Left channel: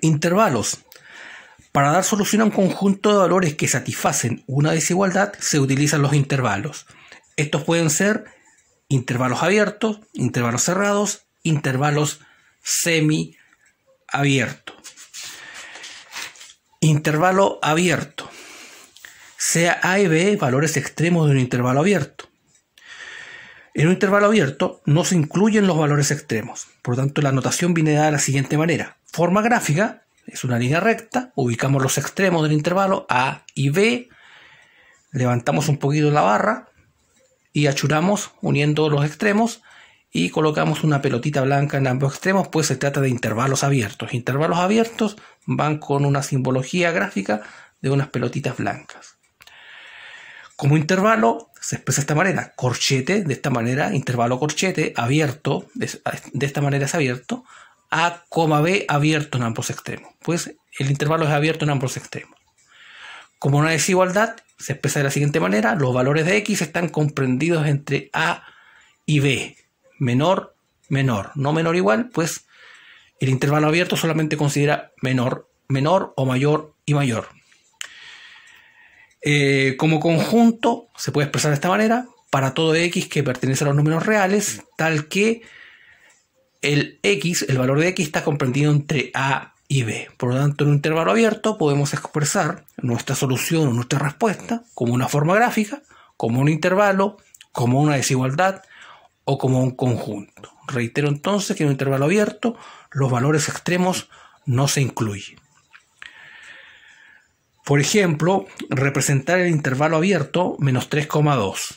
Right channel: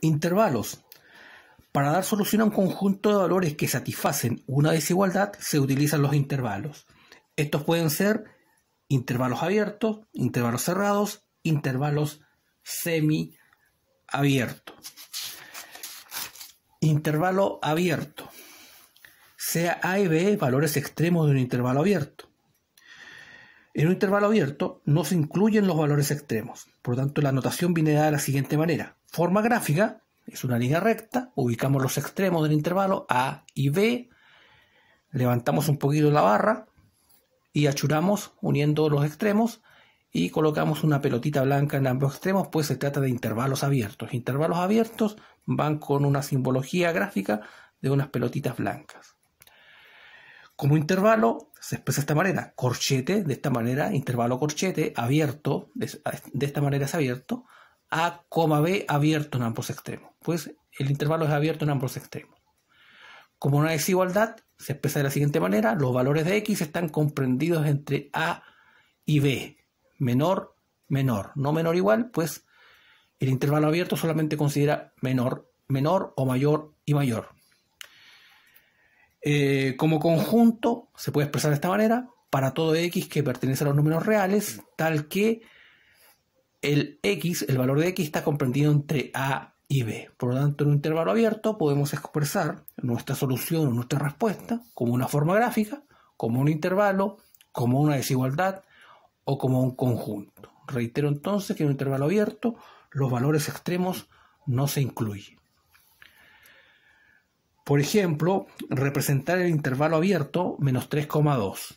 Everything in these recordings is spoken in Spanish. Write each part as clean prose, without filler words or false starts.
Intervalos. Para dar solución a un conjunto de valores que satisfacen una desigualdad, se utilizan los intervalos. Estos pueden ser intervalos abiertos, intervalos cerrados, intervalos semiabiertos. Intervalo abierto. Sea A y B valores extremos de un intervalo abierto. En un intervalo abierto no se incluyen los valores extremos. Por lo tanto, la notación viene dada de la siguiente manera. Forma gráfica es una línea recta. Ubicamos los extremos del intervalo A y B. Levantamos un poquito la barra y achuramos uniendo los extremos y colocamos una pelotita blanca en ambos extremos, pues se trata de intervalos abiertos. Intervalos abiertos van con una simbología gráfica de unas pelotitas blancas. Como intervalo se expresa de esta manera, corchete, de esta manera, intervalo corchete, abierto, de esta manera es abierto, A, B, abierto en ambos extremos. Pues el intervalo es abierto en ambos extremos. Como una desigualdad, se expresa de la siguiente manera, los valores de X están comprendidos entre A y B, menor, menor, no menor igual, pues el intervalo abierto solamente considera menor, menor o mayor y mayor. Como conjunto se puede expresar de esta manera, para todo X que pertenece a los números reales, tal que el X, el valor de X está comprendido entre A y B. Por lo tanto, en un intervalo abierto podemos expresar nuestra solución o nuestra respuesta como una forma gráfica, como un intervalo, como una desigualdad o como un conjunto. Reitero entonces que en un intervalo abierto los valores extremos no se incluyen. Por ejemplo, representar el intervalo abierto menos 3,2.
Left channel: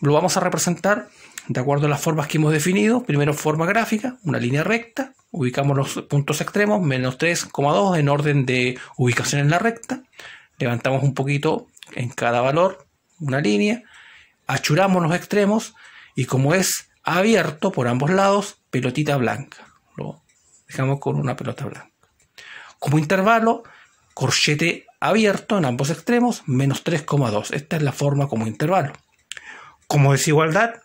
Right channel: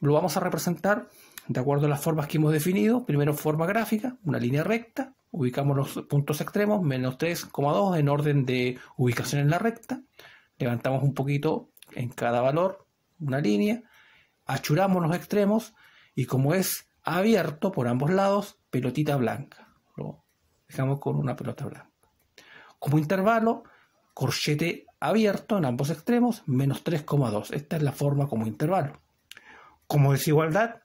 Lo vamos a representar de acuerdo a las formas que hemos definido. Primero, forma gráfica, una línea recta. Ubicamos los puntos extremos, menos 3,2 en orden de ubicación en la recta. Levantamos un poquito en cada valor, una línea. Achuramos los extremos y como es abierto por ambos lados, pelotita blanca. Lo dejamos con una pelota blanca. Como intervalo, corchete abierto en ambos extremos, menos 3,2. Esta es la forma como intervalo. Como desigualdad,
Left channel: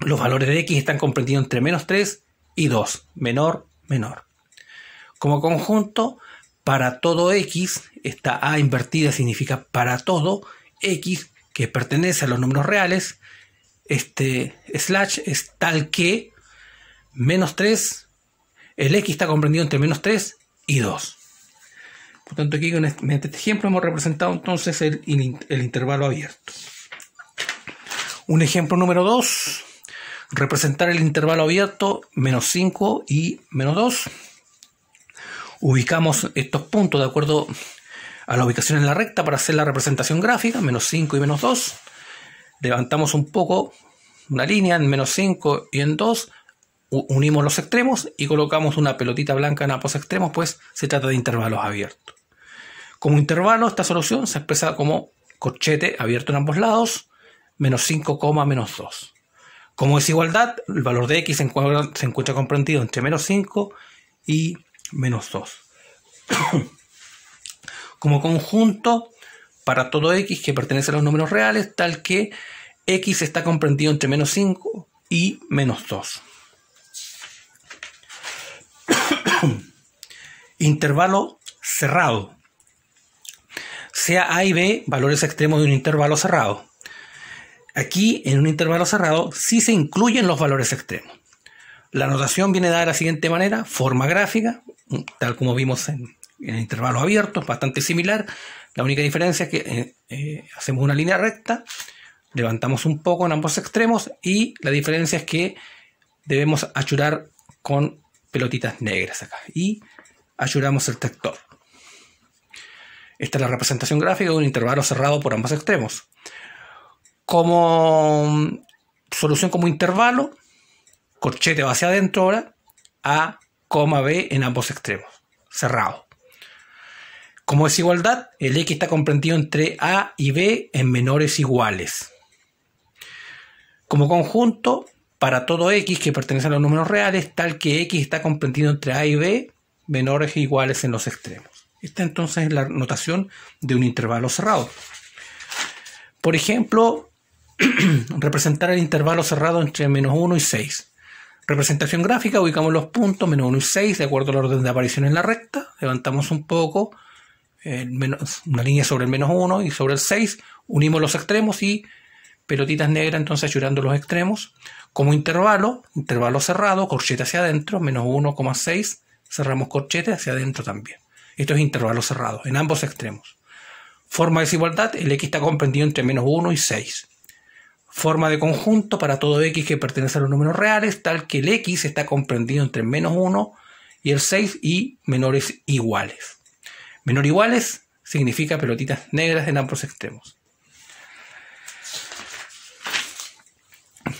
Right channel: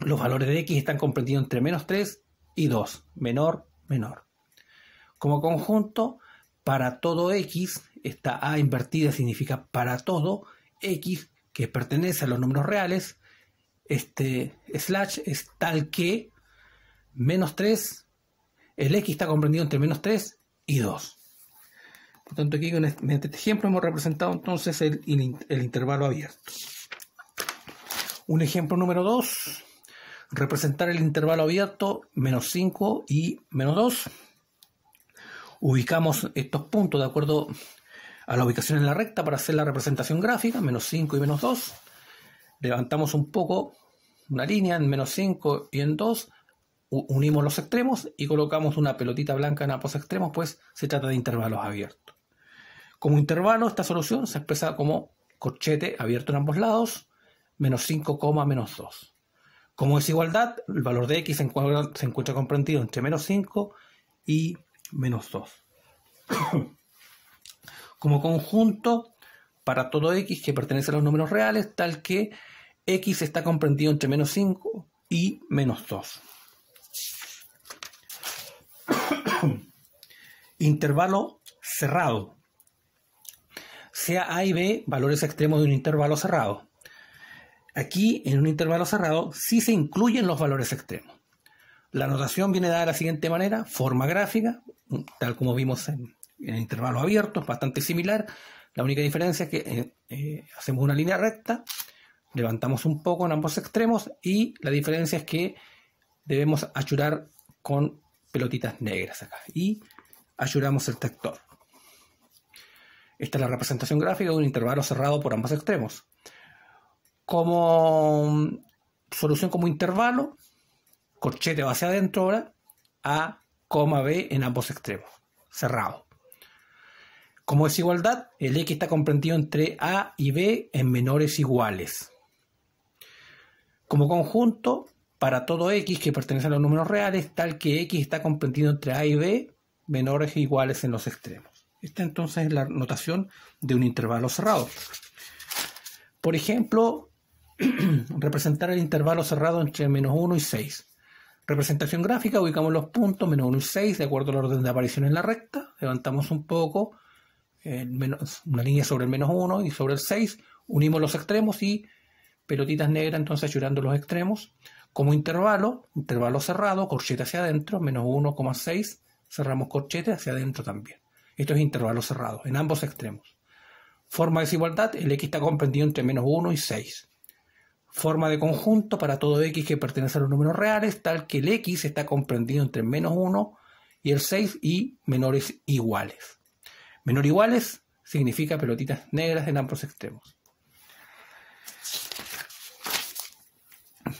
los valores de X están comprendidos entre menos 3 y 2, menor, menor. Como conjunto, para todo X, esta A invertida significa para todo X que pertenece a los números reales, este slash es tal que menos 3, el X está comprendido entre menos 3 y 2. Por tanto, aquí con este ejemplo hemos representado entonces el intervalo abierto. Un ejemplo número 2. Representar el intervalo abierto menos 5 y menos 2. Ubicamos estos puntos de acuerdo a la ubicación en la recta para hacer la representación gráfica, menos 5 y menos 2. Levantamos un poco una línea en menos 5 y en 2. Unimos los extremos y colocamos una pelotita blanca en ambos extremos, pues se trata de intervalos abiertos. Como intervalo, esta solución se expresa como corchete abierto en ambos lados, menos 5, menos 2. Como desigualdad, el valor de X se encuentra comprendido entre menos 5 y menos 2. Como conjunto, para todo X que pertenece a los números reales, tal que X está comprendido entre menos 5 y menos 2. Intervalo cerrado. Sea A y B valores extremos de un intervalo cerrado. Aquí, en un intervalo cerrado, sí se incluyen los valores extremos. La notación viene dada de la siguiente manera, forma gráfica, tal como vimos en el intervalo abierto, bastante similar. La única diferencia es que hacemos una línea recta, levantamos un poco en ambos extremos y la diferencia es que debemos achurar con pelotitas negras acá y achuramos el tractor. Esta es la representación gráfica de un intervalo cerrado por ambos extremos. Como solución como intervalo, corchete va hacia adentro ahora, A, B en ambos extremos, cerrado. Como desigualdad, el X está comprendido entre A y B en menores iguales. Como conjunto, para todo X que pertenece a los números reales, tal que X está comprendido entre A y B, menores e iguales en los extremos. Esta entonces es la notación de un intervalo cerrado. Por ejemplo, representar el intervalo cerrado entre menos 1 y 6. Representación gráfica, ubicamos los puntos, menos 1 y 6, de acuerdo al orden de aparición en la recta. Levantamos un poco, una línea sobre el menos 1 y sobre el 6. Unimos los extremos y pelotitas negras, entonces ayudando los extremos. Como intervalo cerrado, corchete hacia adentro, menos 1,6. Cerramos corchete hacia adentro también. Esto es intervalo cerrado, en ambos extremos. Forma de desigualdad, el X está comprendido entre menos 1 y 6. Forma de conjunto para todo X que pertenece a los números reales, tal que el X está comprendido entre menos 1 y el 6 y menores iguales. Menor iguales significa pelotitas negras en ambos extremos.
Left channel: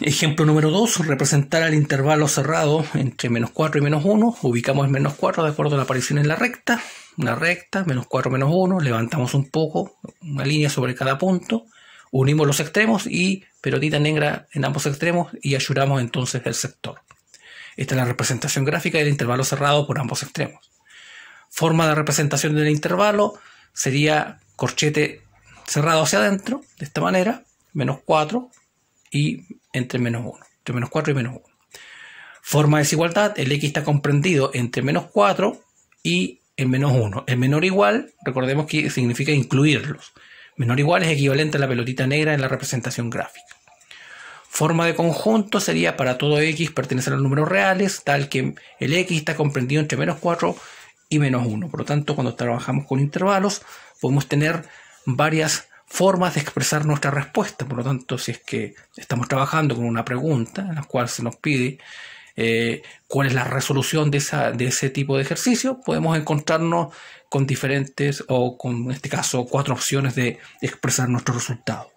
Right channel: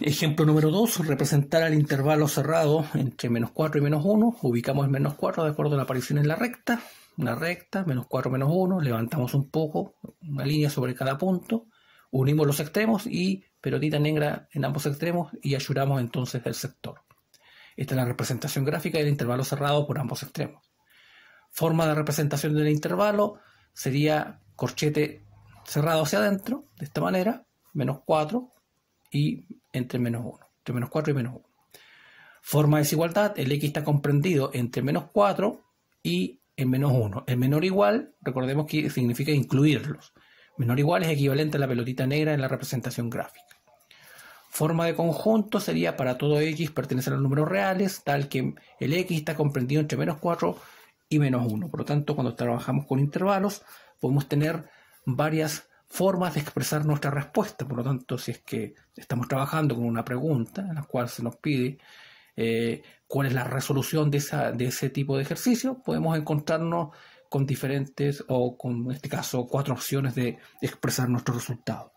Ejemplo número 2, representar el intervalo cerrado entre menos 4 y menos 1. Ubicamos el menos 4 de acuerdo a la aparición en la recta. Una recta, menos 4, menos 1. Levantamos un poco, una línea sobre cada punto. Unimos los extremos y pelotita negra en ambos extremos y ayudamos entonces el sector. Esta es la representación gráfica del intervalo cerrado por ambos extremos. Forma de representación del intervalo sería corchete cerrado hacia adentro, de esta manera, menos 4 y entre menos 1, entre menos 4 y menos 1. Forma de desigualdad, el X está comprendido entre menos 4 y el menos 1. El menor igual, recordemos que significa incluirlos. Menor igual es equivalente a la pelotita negra en la representación gráfica. Forma de conjunto sería para todo X pertenece a los números reales, tal que el X está comprendido entre menos 4 y menos 1. Por lo tanto, cuando trabajamos con intervalos, podemos tener varias formas de expresar nuestra respuesta. Por lo tanto, si es que estamos trabajando con una pregunta en la cual se nos pide cuál es la resolución de ese tipo de ejercicio, podemos encontrarnos con diferentes, o con, en este caso, 4 opciones de expresar nuestro resultado.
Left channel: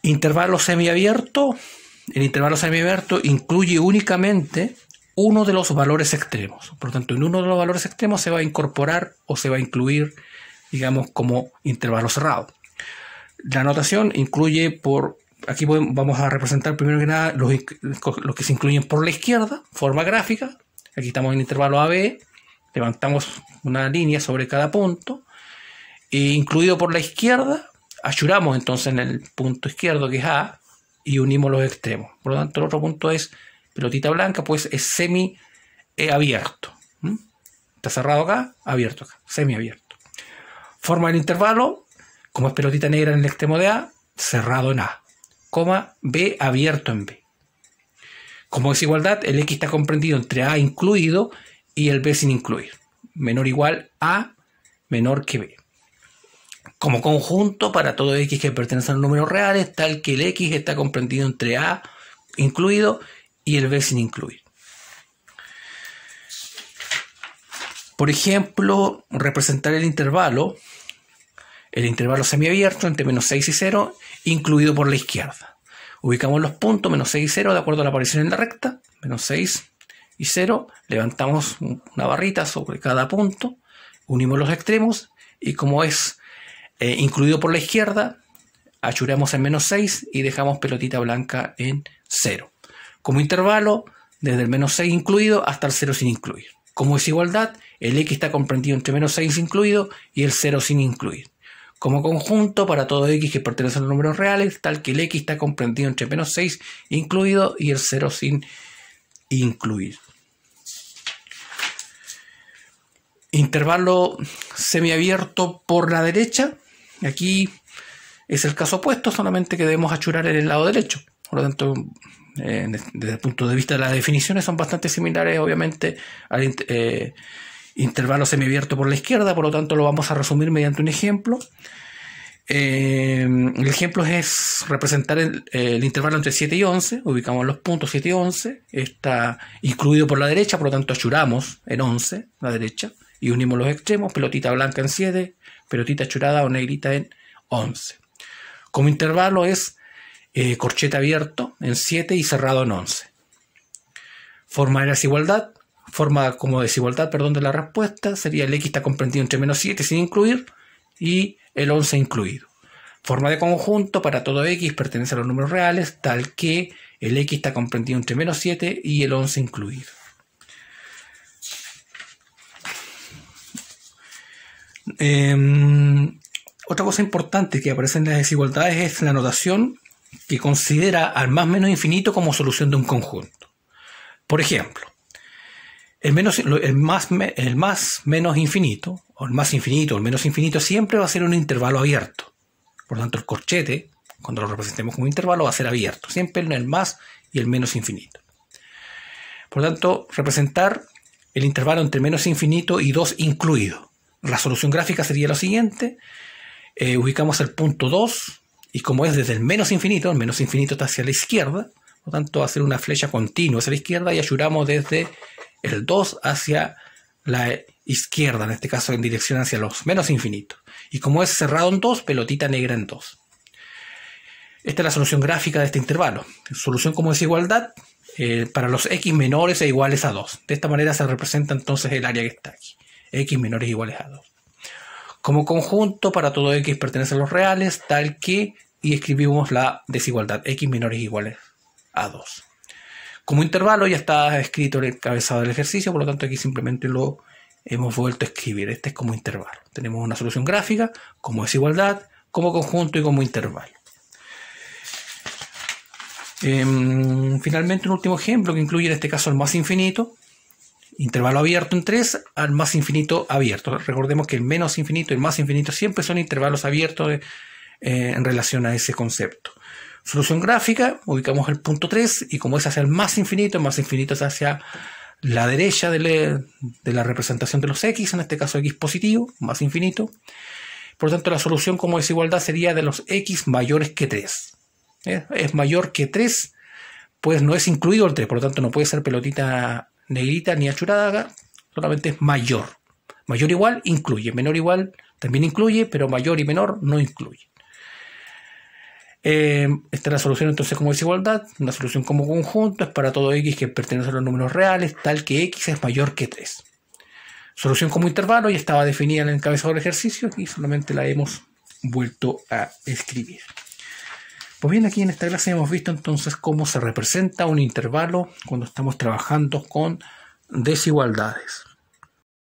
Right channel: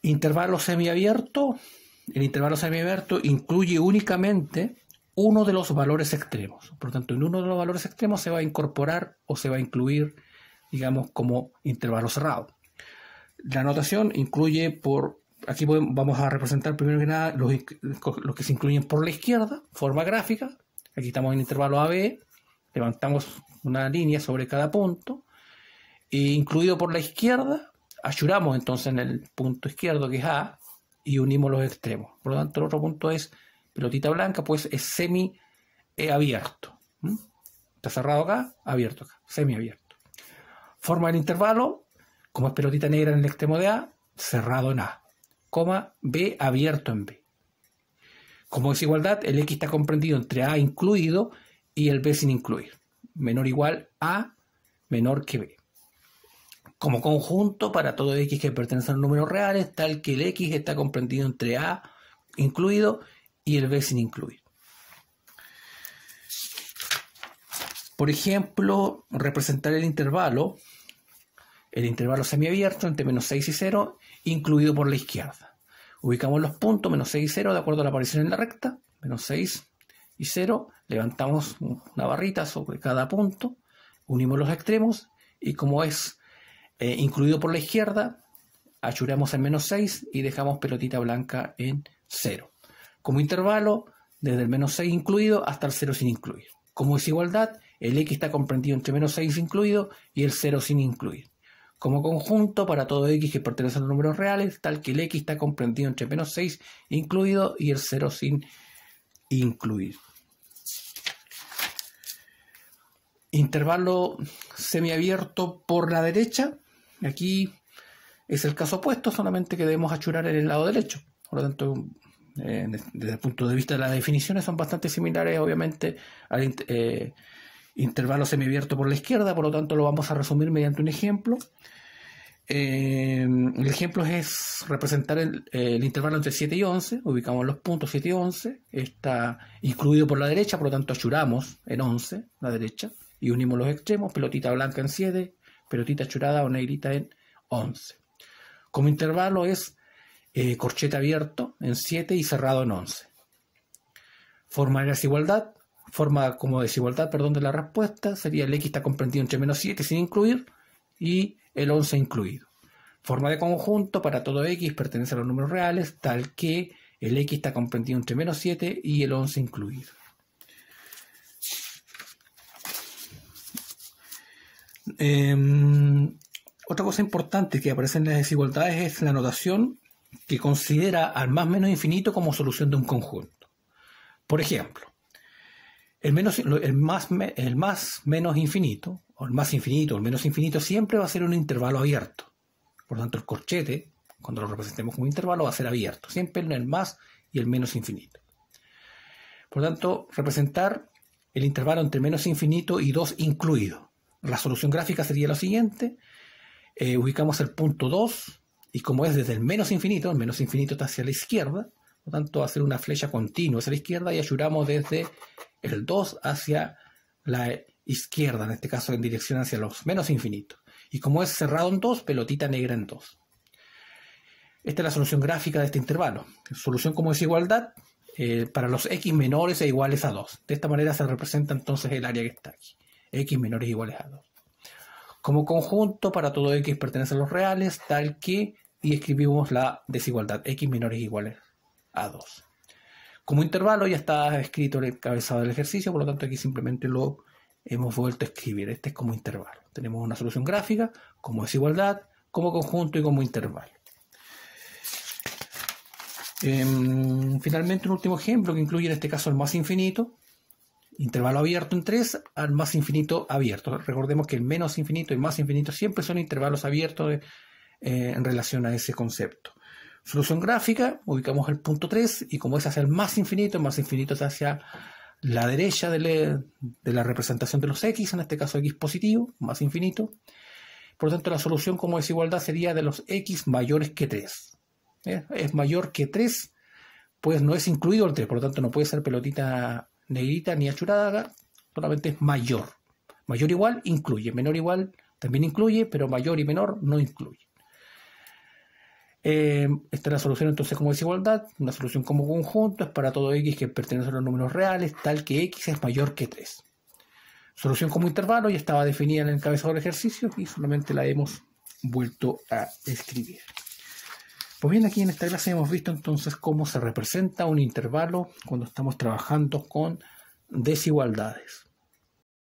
Intervalo semiabierto. El intervalo semiabierto incluye únicamente uno de los valores extremos. Por lo tanto, en uno de los valores extremos se va a incorporar o se va a incluir, digamos, como intervalo cerrado. La notación incluye aquí vamos a representar primero que nada los que se incluyen por la izquierda, forma gráfica. Aquí estamos en intervalo AB, levantamos una línea sobre cada punto, e incluido por la izquierda, ayudamos entonces en el punto izquierdo que es A y unimos los extremos. Por lo tanto, el otro punto es pelotita blanca, pues es semi abierto. Está cerrado acá, abierto acá, semi abierto. Forma del intervalo, como es pelotita negra en el extremo de A, cerrado en A, coma B abierto en B. Como desigualdad, el X está comprendido entre A incluido y el B sin incluir. Menor o igual A menor que B. Como conjunto para todo X que pertenece a los números reales, tal que el X está comprendido entre A incluido y el B sin incluir. Por ejemplo, representar el intervalo semiabierto entre menos 6 y 0, incluido por la izquierda. Ubicamos los puntos, menos 6 y 0, de acuerdo a la aparición en la recta, menos 6 y 0, levantamos una barrita sobre cada punto, unimos los extremos y como es incluido por la izquierda, achuramos en menos 6 y dejamos pelotita blanca en 0. Como intervalo, desde el menos 6 incluido hasta el 0 sin incluir. Como desigualdad, el X está comprendido entre menos 6 incluido y el 0 sin incluir. Como conjunto para todo X que pertenece a los números reales, tal que el X está comprendido entre menos 6 incluido y el 0 sin incluir. Intervalo semiabierto por la derecha. Aquí es el caso opuesto, solamente que debemos achurar en el lado derecho. Por lo tanto, desde el punto de vista de las definiciones son bastante similares, obviamente, al intervalo semiabierto por la izquierda. Por lo tanto, lo vamos a resumir mediante un ejemplo. El ejemplo es representar el intervalo entre 7 y 11. Ubicamos los puntos 7 y 11. Está incluido por la derecha, por lo tanto achuramos en 11, la derecha, y unimos los extremos, pelotita blanca en 7, pelotita achurada o negrita en 11. Como intervalo es corchete abierto en 7 y cerrado en 11. Forma de desigualdad. Forma como desigualdad, de la respuesta sería el X está comprendido entre menos 7 sin incluir y el 11 incluido. Forma de conjunto para todo X pertenece a los números reales, tal que el X está comprendido entre menos 7 y el 11 incluido. Otra cosa importante que aparece en las desigualdades es la notación que considera al más menos infinito como solución de un conjunto. Por ejemplo, el más menos infinito, o el más infinito, o el menos infinito, siempre va a ser un intervalo abierto. Por lo tanto, el corchete, cuando lo representemos como intervalo, va a ser abierto. Siempre en el más y el menos infinito. Por lo tanto, representar el intervalo entre menos infinito y 2 incluido. La solución gráfica sería lo siguiente. Ubicamos el punto 2, y como es desde el menos infinito está hacia la izquierda, por lo tanto va a ser una flecha continua hacia la izquierda y ayudamos desde el 2 hacia la izquierda, en este caso en dirección hacia los menos infinitos. Y como es cerrado en 2, pelotita negra en 2. Esta es la solución gráfica de este intervalo. Solución como desigualdad para los x menores e iguales a 2. De esta manera se representa entonces el área que está aquí. X menores e iguales a 2. Como conjunto, para todo x pertenece a los reales, tal que, y escribimos la desigualdad, x menores e iguales a 2. Como intervalo ya está escrito el encabezado del ejercicio, por lo tanto aquí simplemente lo hemos vuelto a escribir. Este es como intervalo. Tenemos una solución gráfica, como desigualdad, como conjunto y como intervalo. Finalmente, un último ejemplo que incluye en este caso el más infinito. Intervalo abierto en 3 al más infinito abierto. Recordemos que el menos infinito y el más infinito siempre son intervalos abiertos en relación a ese concepto. Solución gráfica, ubicamos el punto 3 y como es hacia el más infinito es hacia la derecha de la representación de los x, en este caso x positivo, más infinito. Por lo tanto, la solución como desigualdad sería de los x mayores que 3. Es mayor que 3, pues no es incluido el 3, por lo tanto no puede ser pelotita negrita ni achurada, solamente es mayor. Mayor igual incluye, menor igual también incluye, pero mayor y menor no incluye. Esta es la solución entonces como desigualdad. Una solución como conjunto es para todo x que pertenece a los números reales, tal que x es mayor que 3. Solución como intervalo ya estaba definida en el encabezado del ejercicio y solamente la hemos vuelto a escribir. Pues bien, aquí en esta clase hemos visto entonces cómo se representa un intervalo cuando estamos trabajando con desigualdades.